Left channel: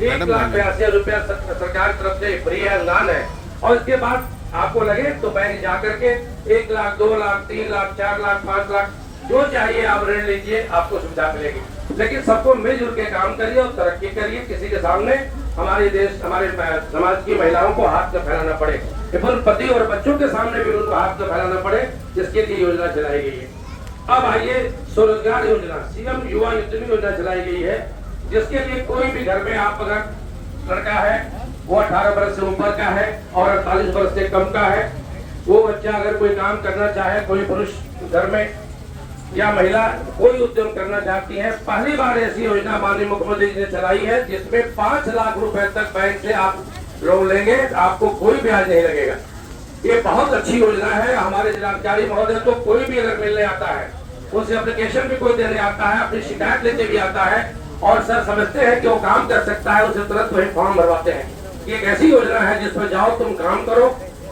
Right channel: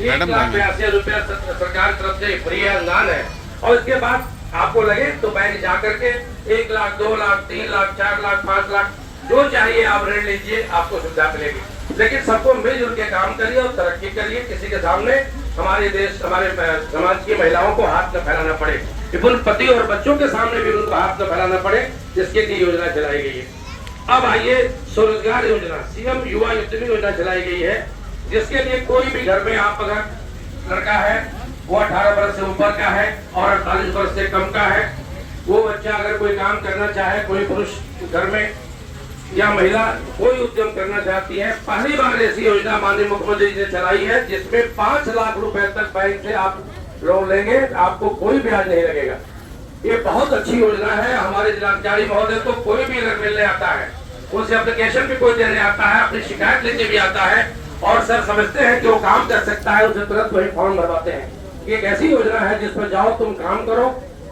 ₹1,82,000 सरकार की तरफ से फ्री अनुदान है। और इसके बाद आपको लगे तो बैंक जा करके 1 लाख, 2 लाख, 3 लाख, 4 लाख, 5 लाख जो चाहिए आप ऋण लीजिए, आपको सुविधा मिलेगी। लेकिन सबको मिलजुल के काम करिए और तरक्की करिए। किसी के सामने हमारे देश, हमारे समाज की महिलाओं को हाथ न फैलाना पड़े, इवन पति और बच्चों के सामने भी उनको हाथ न फैलाना पड़े, जिसके लिए योजना चलाई गई है। अब आइए स्वरोजगार योजना, सीएम युवा योजना चलाई गई है, जिसके लिए कोई भी घर में आप अगर लड़का है वो 18 वर्ष से ऊपर का है और 48 वर्ष से कम का है, वो बच्चा अगर कोई काम करना चाहे, कोई पुरुष घर में या महिला कोई उद्यम करना चाहती है, पहली बार ऐसी योजना माननीय मुख्यमंत्री जी ने चलाई है, जिसमें 5 लाख रुपए तक बैंक से आप लोन लेंगे, आपको कोई ब्याज नहीं लगेगा। ये बहुत अच्छी योजना है। हमारे जिलाधिकारी महोदय को कोई भी अगर मिलने आता है, उसे एप्लीकेशन भी कोई देने आता है, अपनी शिकायत लेके भी आता है और सर समझते हैं कि वो काम कर सकता है, उसे तुरंत वही फॉर्म भरवाते हैं। एक ऐसी योजना है जिसमें जाओ, तुम काम करो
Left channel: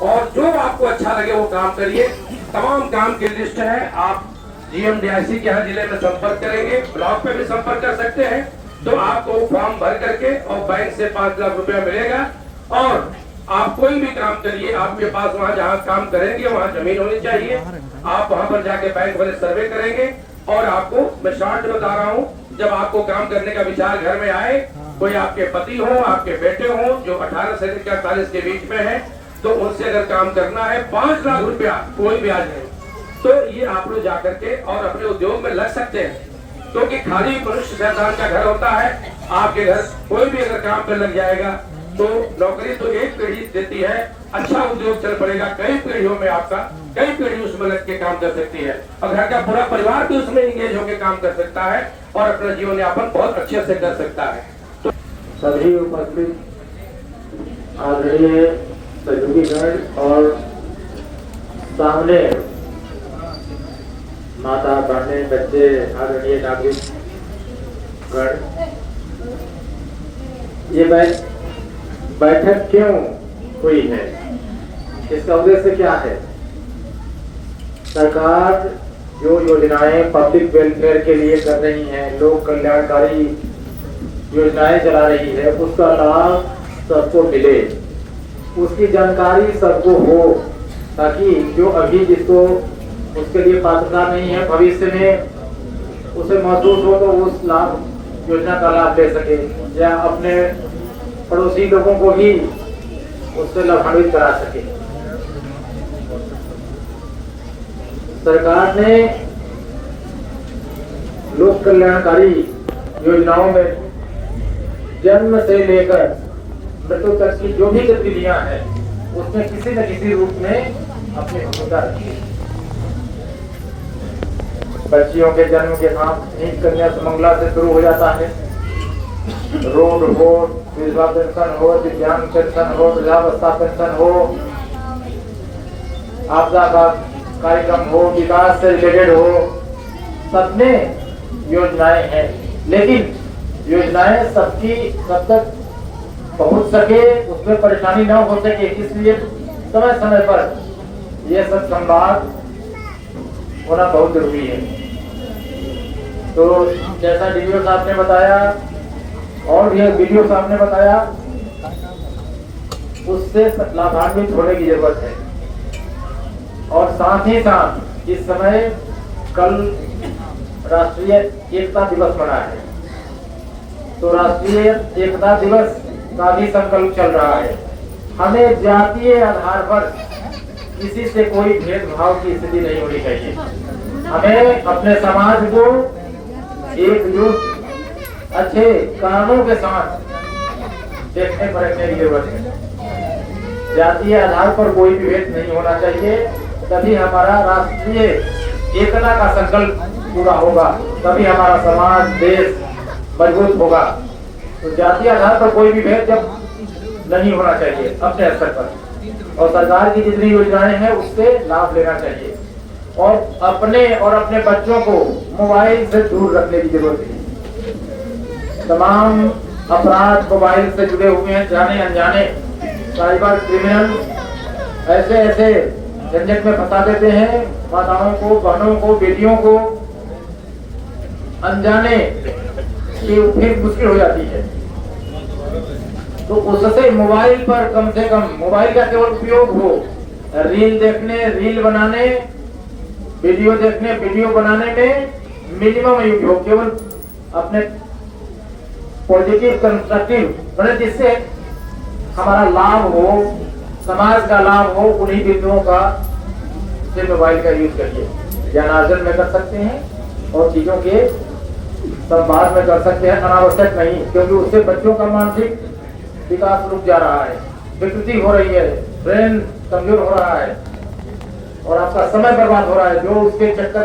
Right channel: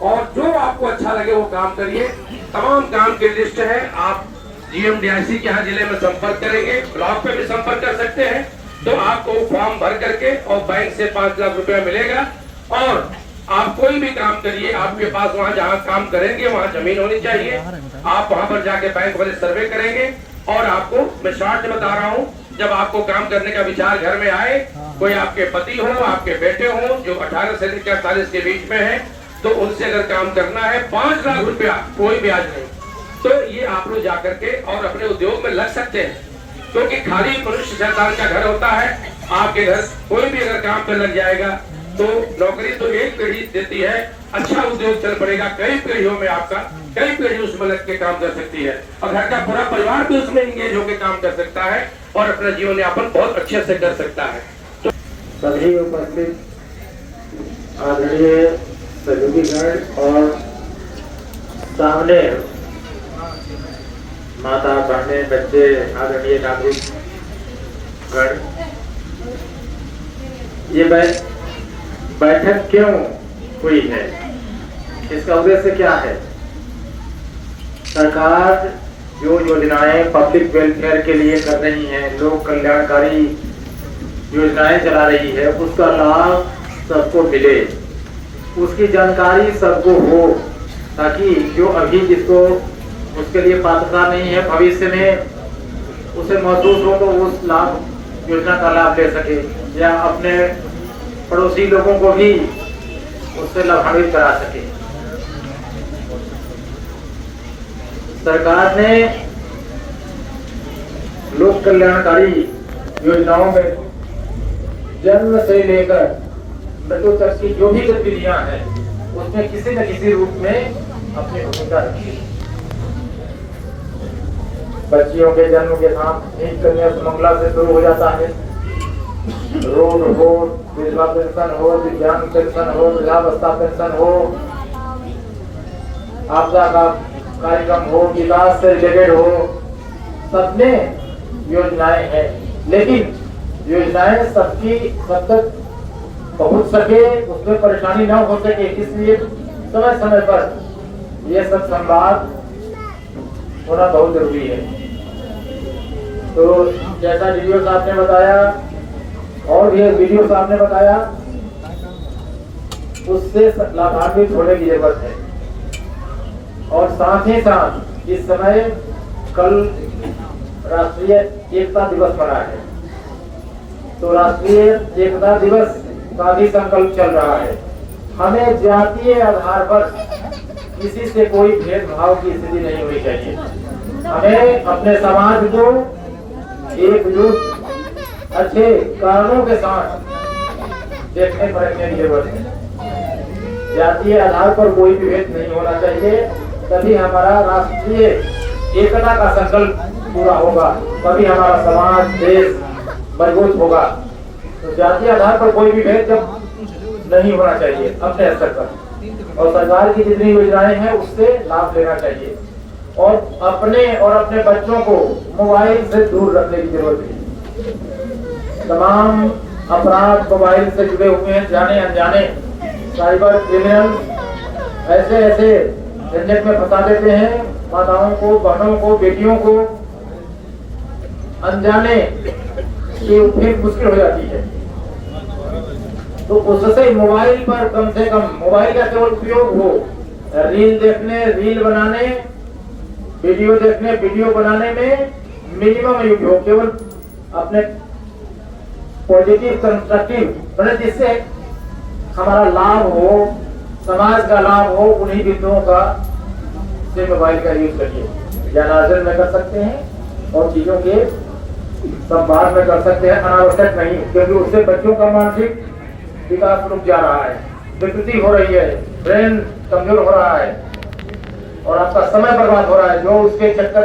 और जो आपको अच्छा लगे वो काम करिए। तमाम काम की लिस्ट है। आप GMDIC के यहाँ जिले में संपर्क करेंगे, ब्लॉक पे भी संपर्क कर सकते हैं, तो आपको फॉर्म भर करके और बैंक से 5 लाख रुपया मिलेगा। और आप कोई भी काम करिए, आपके पास वहाँ जहाँ काम करेंगे वहाँ जमीन होनी चाहिए। आप वहाँ पर जाके बैंक वाले सर्वे करेंगे और आपको मैं शॉर्ट बता रहा हूँ, जब आपको काम करने का विचार घर में आए, कोई आपके पति हो, आपके बेटे हो जो 18 से 48 के बीच में है, तो उनसे अगर काम करना है 5 लाख रुपया कोई ब्याज नहीं, तो ये आप लोग जाकर के और अपने उद्योग में लग सकते हैं। क्योंकि खाली मनुष्य शैतान का घर होता है। आपके घर कोई भी अगर काम पर लग जाएगा तो नौकरी तो एक पीढ़ी देती है, अच्छा उद्योग चल पड़ेगा, कई पीढ़ियों में आपका कई पीढ़ी उसमें लग के काम कर सकती है और घर का पूरा परिवार भी उसमें इंगेज होकर काम कर सकता है और अपना जीवन यापन बहुत अच्छे से कर सकता है। सभी उपस्थित आदरणीय सहयोगीगण और सामने माता, बहनें, बच्चे, आदरणीय नागरिकगण, ये बैठक क्यों हुई है, इसका उद्देश्य क्या है? सरकार जो योजनाएं पब्लिक वेलफेयर के लिए कर रही है, लोक कल्याणकारी योजनाएं चला रही है, उसका लाभ सबको मिले, उसकी जानकारी सबको हो, ताकि जो अभी जिसको उसके लिए पात्रता नहीं है, भविष्य में उसे महसूस हो तो उस लाभ योजना का लाभ ले सके या अपने पड़ोसी लोगों को भी उससे लाभान्वित करा सके। सरकार ने लोक कल्याणकारी योजनाओं में जन्म से लेकर मृत्यु तक की जो भी गतिविधियां हैं, उसमें किसी न किसी रूप में अपनी भूमिका रखी है। बच्चियों के जन्म के साथ एक कन्या सुमंगला से शुरू हो जाता है। रोड हो, विधवा पेंशन हो, दिव्यांग पेंशन हो, वृद्धावस्था पेंशन हो, आपदा का कार्यक्रम हो, विकास से रिलेटेड हो, सब में योजनाएं हैं। लेकिन योजनाएं सबकी सब तक पहुंच सके, उसमें परेशानी न हो सके, इसलिए समय समय पर यह सब संवाद होना बहुत जरूरी है। तो जैसा डीओ साहब ने बताया और भी वीडियो साहब ने बताया, उससे लाभान्वित होने की जरूरत है। और साथ ही साथ इस समय कल राष्ट्रीय एकता दिवस मना है, तो राष्ट्रीय एकता दिवस का भी संकल्प चल रहा है। हमें जातीय आधार पर किसी से कोई भेदभाव की स्थिति नहीं होनी चाहिए। हमें अपने समाज को एकजुट अच्छे कारणों के साथ देखने परखने की जरूरत है। जातीय आधार पर कोई भी भेद नहीं होना चाहिए, तभी हमारा राष्ट्रीय एकता का संकल्प पूरा होगा, तभी हमारा समाज, देश मजबूत होगा। तो जातीय आधार पर कोई भी भेद जब नहीं होना चाहिए अपने स्तर पर, और सरकार की जितनी योजनाएं हैं उससे लाभ लेना चाहिए और अपने बच्चों को मोबाइल से दूर रखने की जरूरत है। तमाम अपराध मोबाइल से जुड़े हुए हैं, जाने अनजाने साइबर क्रिमिनल ऐसे झंझट में फंसा देते हैं माताओं को, बहनों को, बेटियों को, अनजाने की फिर मुश्किल हो जाती है। तो उससे मोबाइल पर कम से कम मोबाइल का केवल उपयोग हो रील देखने, रील बनाने, वीडियो देखने, वीडियो बनाने में मिनिमम उपयोग, केवल अपने पॉजिटिव कंस्ट्रक्टिव मतलब जिससे हमारा लाभ हो, समाज का लाभ हो, उन्हीं बिंदुओं का से मोबाइल का यूज करिए। ज्ञानार्जन में कर सकते हैं और चीजों के संवाद में कर सकते हैं, अनावश्यक नहीं, क्योंकि उससे बच्चों का मानसिक विकास रुक जा रहा है, विकृति हो रही है, ब्रेन कमजोर हो रहा है और आपका समय बर्बाद हो रहा है जो उसके चक्कर